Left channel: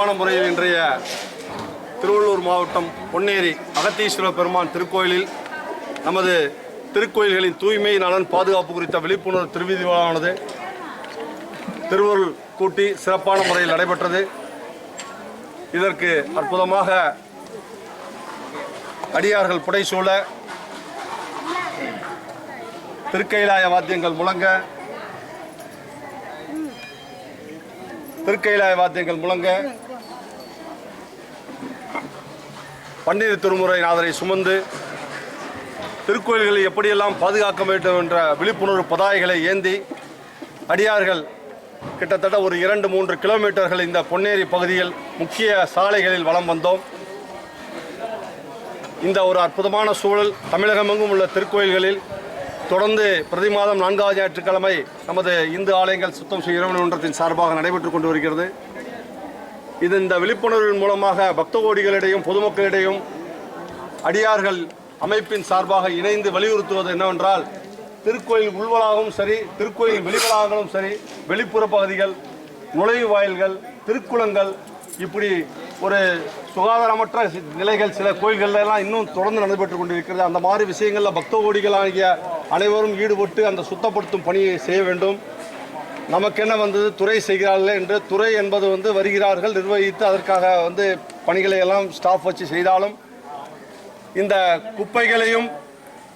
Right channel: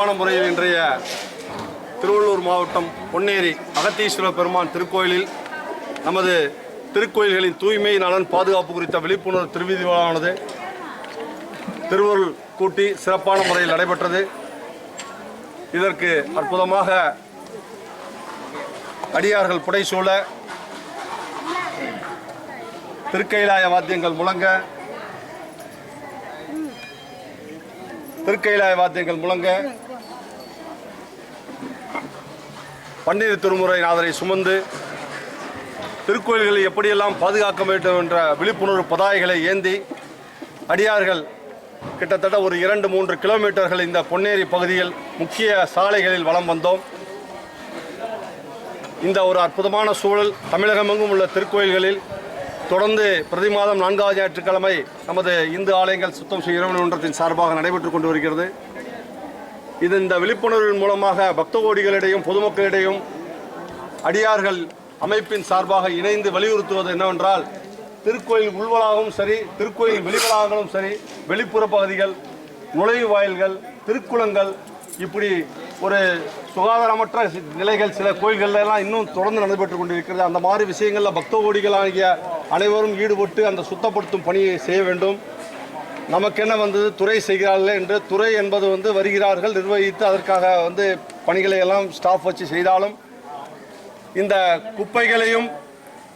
சிறப்பான முறையில் இன்றைய திருவள்ளூர் மாவட்டம் பொன்னேரி அகத்தீஸ்வர பெருமான் திருக்கோயிலில் நமது திருக்கோயில்களின் தூய்மை நலன் பாதுகாப்பு குறித்த விழிப்புணர்வு திருவீதி விழாவானது திருவருள் கூட்டி சிறப்பான முறையில் நடைபெற்றது. இதற்கு அற்புதமாக அடியார்கள் புடைசூழ திருக்கைலாய வாத்தியங்கள் முழங்க பன்னீர் திருமுறை நாதரை சுமந்து திருக்கோயில்களை எப்படியெல்லாம் பாதுகாக்க வேண்டும் என்ற விழிப்புணர்வு பதாகைகளை ஏந்தி அடியார்கள் கிட்டத்தட்ட ஒரு 2-3 கிலோமீட்டர்கள் இந்த பொன்னேரி பகுதியில் முக்கிய சாலைகளில் வலம் வந்தோம். இந்த ஒரு அற்புதமான சூழல் தமிழகமெங்கும் உள்ள திருக்கோயில்களில் தொடர்ந்து பிரதி மாதம் 4வது ஞாயிற்றுக்கிழமை நமது இந்து ஆலயங்கள் சுத்தம் செய்யும் இறைவன் ஒன்றத்தின் சார்பாக நடைபெற்று கொண்டு வருகிறது. இந்த விழிப்புணர்வின் மூலமாக பக்த கோடிகளிடையும் பொதுமக்களிடையும் அடியார்கள் அமைப்பின் சார்பாக இணைந்து வலியுறுத்துவது என்னவென்றால், திருக்கோயில் உள்வளாகவும் சரி, திருக்கோயில் வெளிவளாகங்களும் சரி, வெளிப்புற பகுதிகள், நுழைவு வாயில்கள், திருக்குளங்கள், இப்படி ஒரு சுகாதாரமற்ற நிலைகள் சில கோயில்கள்லாம் இன்னும் தொடர்ந்து நடைபெற்று கொண்டிருக்கிறது. அந்த மாதிரி விஷயங்களில் பக்த கோடிகள் ஆகிய அனைவரும் ஈடுபட்டு அந்த சுத்தப்படுத்தும் பணியை செய்ய வேண்டும். நமக்கென்ன வந்தது, துறை செய்கிறார்கள் என்று துறை என்பது வருகிறார்கள், நிர்வகித்து அதற்காக பணிகளை எல்லாம் ஸ்டாஃப் வச்சு செய்தாலும் இந்த குப்பைகளையும்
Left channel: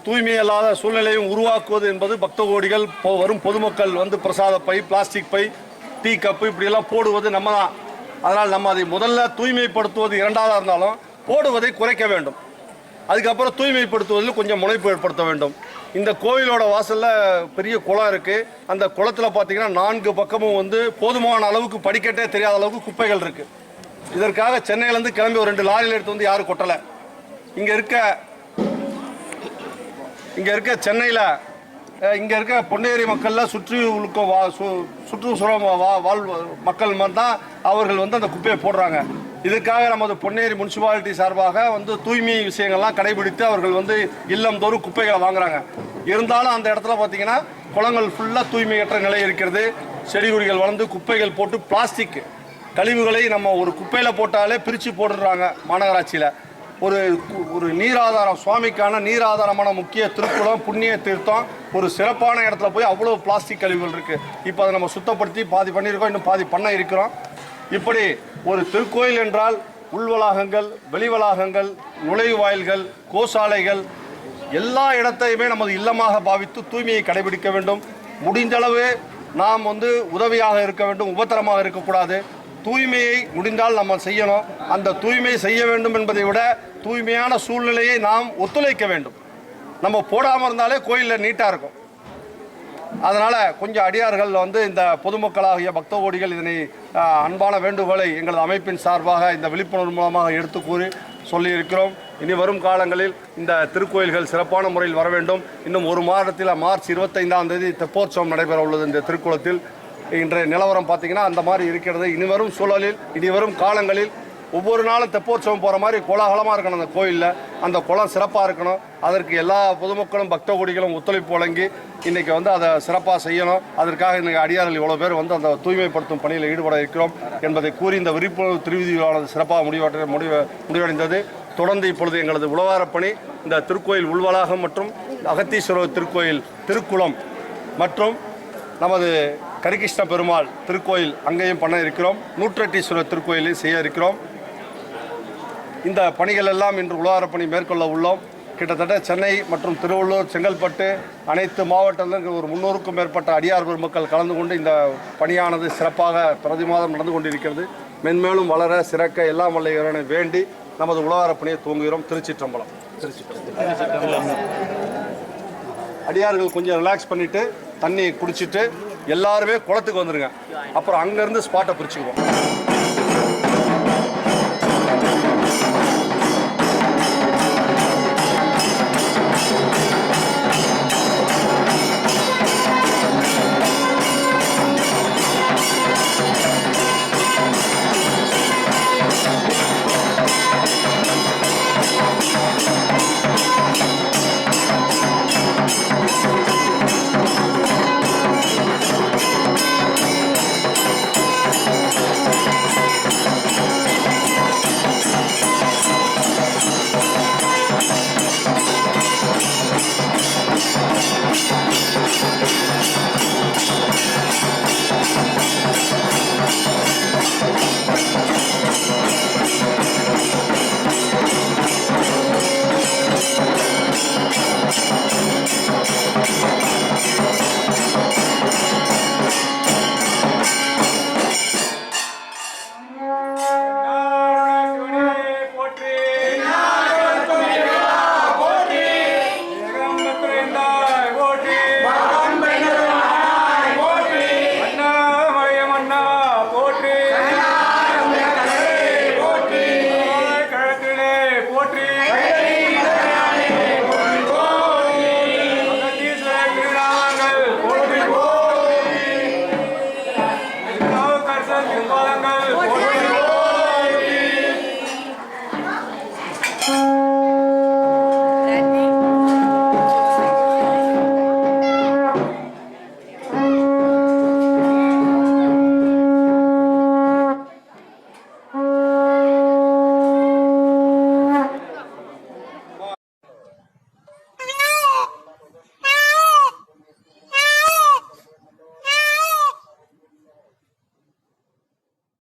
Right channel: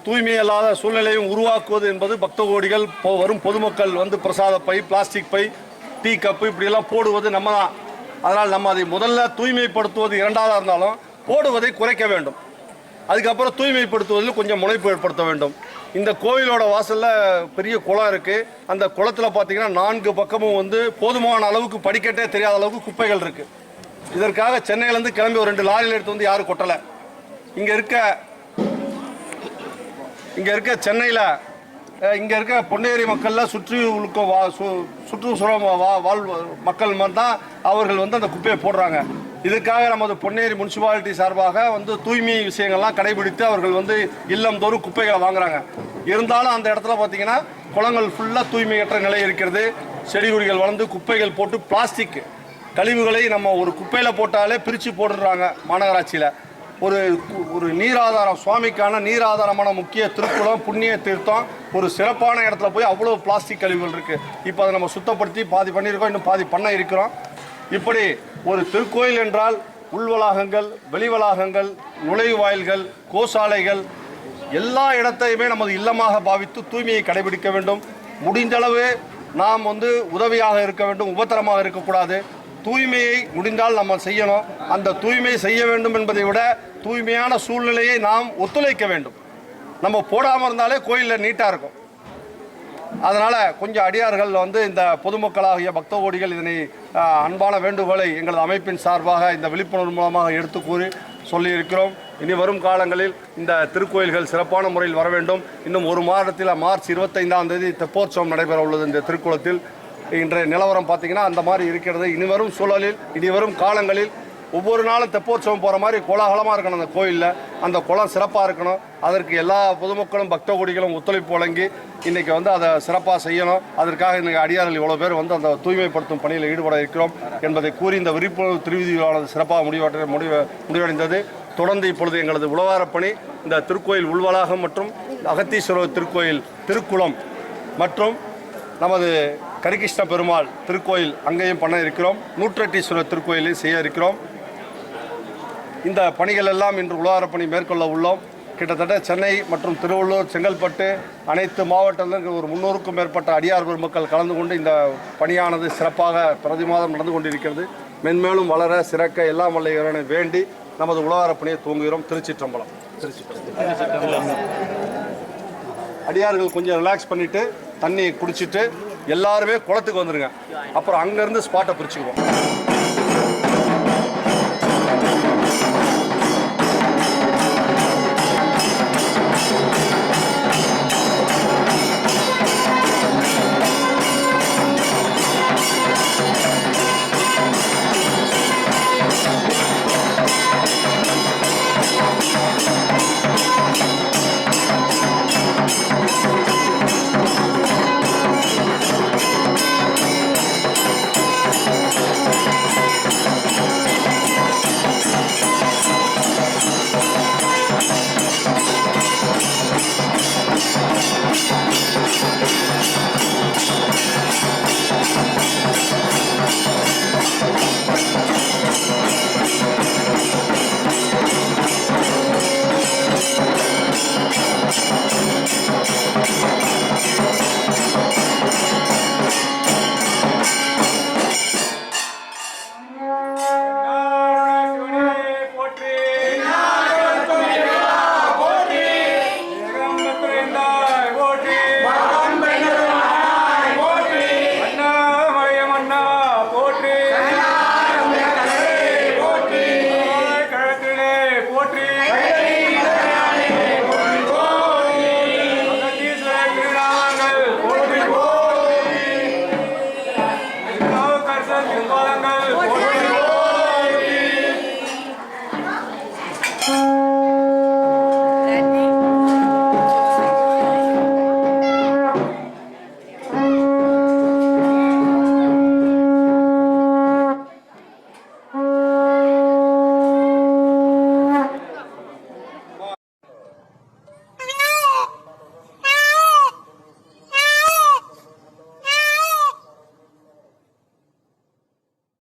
தூய்மை அல்லாத சூழ்நிலையும் உருவாக்குவது என்பது பக்த கோடிகள் வரும் பொதுமக்கள் பிரசாத பை, பிளாஸ்டிக் பை, டீ கப்பு இப்படியெல்லாம் போடுவது நம்ம தான். அதனால் நம்ம அதை முதல்ல தூய்மைப்படுத்துவது இரண்டாவதாக இருந்தாலும் போடுவதை குறைக்க வேண்டும். அதுக்கப்புறம் தூய்மைப்படுத்துவதில் கொஞ்சம் முனைப்பு ஏற்படுத்த வேண்டும். இந்த கோயிலோட வாசலில் பெரிய குளம் இருக்குது. அந்த குளத்தில் பார்த்தீங்கன்னா 4 பக்கமும் போதுமான அளவுக்கு படிக்கட்டே தெரியாத அளவுக்கு குப்பைகள் இருக்குது. இதற்காக சென்னையிலேருந்து கிளம்பி ஒரு 2 லாரியில் எடுத்து யாரும் கொட்டலை. இங்கே இருக்க பொன்னேரி மக்களில் சுற்றுச்சூழல் வாழ் மக்கள் தான் அவர்கள் அந்த குப்பையை போடுறாங்க. இதுக்காக நமது பொன்னேரி முனிசிபாலிட்டி சார்பாக தூய்மை விஷயங்கள்லாம் கடைபிடித்து அவர்கள் இல்லந்தோறும் குப்பைகளை வாங்குறாங்க. இருந்தாலும் அந்த இடத்துல பார்த்தீங்கன்னா குளங்கள் ஃபுல்லாக தூய்மையற்ற நிலை இருக்கிறது. செடி கொடிகள் வளர்ந்து குப்பைகள் போட்டு பிளாஸ்டிக் கழிவுகளை நம்ம ஒரு குப்பையில் போட்டாலே பிரித்து போடுறாங்க. மாநகராட்சியில் ஒரு நீராதாரம், சுவாமிக்கான நீராதாரமான முக்கிய திருக்குளம், புண்ணிய தீர்த்தம், ஒரு சிறப்பான இடத்துல போய் அவ்வளோ பிளாஸ்டிக் கழிவுகள் இருக்குது. இப்போ அதை நம்ம சுத்தப்படுத்தி பாதி பண்ணியிருக்கோம், இன்னும் பாதி பண்ண இருக்கிறோம். இப்படி ஒரு திருக்கோயில் என்றால் உள்வளாகங்கள், வெளிவளாகங்கள், நுழைவு வாயில்கள், கோசாலைகள் எல்லா இடத்தையுமே நமது இல்லமாக பாவித்து தூய்மையை கடைபிடிக்க வேண்டும். முடிந்தளவு நாம் உதவியாக இருக்க வேண்டும், உபத்திரமாக இருக்கக்கூடாது. தூய்மையை முடிந்தால் நம்ம செய்யணும். அந்த தூய்மை செய்ய வேண்டும் என்பதை விட தூய்மையான சூழ்நிலையை நாம் ஒத்துழைக்க வேண்டும். நம்ம போடாமல் இருந்தாலே கோயிலில் நீட்டாக இருக்கும். அதனால் கொஞ்சம் அடியார்கள் இந்த பொதுமக்களாகிய பக்த கோடிகள் இதனை அன்பான வேண்டுகோளை எங்களது அமைப்பின் சார்பாக இந்த விழிப்புணர்வு மூலமாக எடுத்து கூறி சொல்லியிருக்கிறோம். இனி வரும் காலங்களில் இந்த திருக்கோயில்கள் சிறப்பான முறையில் வர வேண்டும். இன்னும் ஒரு மாதத்தில் மார்ச் 25ஆம் தேதி தெப்போற்சவம் நடைபெற உள்ளது. இந்த திருக்குளத்தில் இன்றைய நிலவரம் பார்த்திங்கன்னா அந்த மாதிரி இருக்கிறது. இனிவரும் சூழலில், இனிவரும் காலங்களில் ஒவ்வொரு நாளும் தெப்போற்சவம் போகிற மாதிரி கோலாகலமாக இருக்கணும். அந்த கோயிலில் அந்த குளம் சிறப்பாக இருக்கணும். அதற்கு எல்லா பொதுமக்களும் பக்த கோடிகளும் ஒத்துழைப்பு வழங்கி இன்றைக்கி அதை சிறப்பாக செய்யணும். அதற்காக இன்றைக்கி அடியார்கள் இவ்வளோ பேர் அந்த தூய்மைப்படுத்தும் பணியில் ஈடுபட இருக்கிறோம் என்பதை கூறி இந்த விழிப்புணர்வு திருவிதியானது சிறப்பாக முடிவடைந்தது. தொடர்ந்து இப்பொழுது எங்களது உழவாரப்பணி இந்த திருக்கோயில் உள்வளாகம் மற்றும் அகத்தீஸ்வரர் திருக்கோயில் திருக்குளம் மற்றும் நமது கரிகிருஷ்ண பெருமாள் திருக்கோயில் அங்கேயும் பண்ண இருக்கிறோம். நூற்றட்டீஸ்வரர் திருக்கோயிலையும் செய்ய இருக்கிறோம். இந்த பணிகள் எல்லாம் இன்று உழவாரப்பணி மேற்கொள்ள உள்ளோம். கிட்டத்தட்ட சென்னை மற்றும் திருவள்ளூர், செங்கல்பட்டு அனைத்து மாவட்டங்களில் ஒரு 300க்கும் மேற்பட்ட அடியார் பெருமக்கள் கலந்து கொண்டு இந்த பணியானது சிறப்பாக பிரதி மாதம் நடந்து கொண்டிருக்கிறது. மென்மேலும் வளர சிறக்க எல்லாம் வல்ல இறைவனை வேண்டி நமது உழவாரப்பணியை துவங்குகிறோம். திருச்சிற்றம்பலம். அடியார்கள் கொஞ்சம் ரிலாக்ஸ் பண்ணிவிட்டு தண்ணி குடிச்சிட்டு எல்லாருமே குளத்துக்கு வந்துடுங்க. அப்புறம் அங்கேருந்து ஸ்பாட்டை பிரிச்சுக்குவோம். பாதங்கள்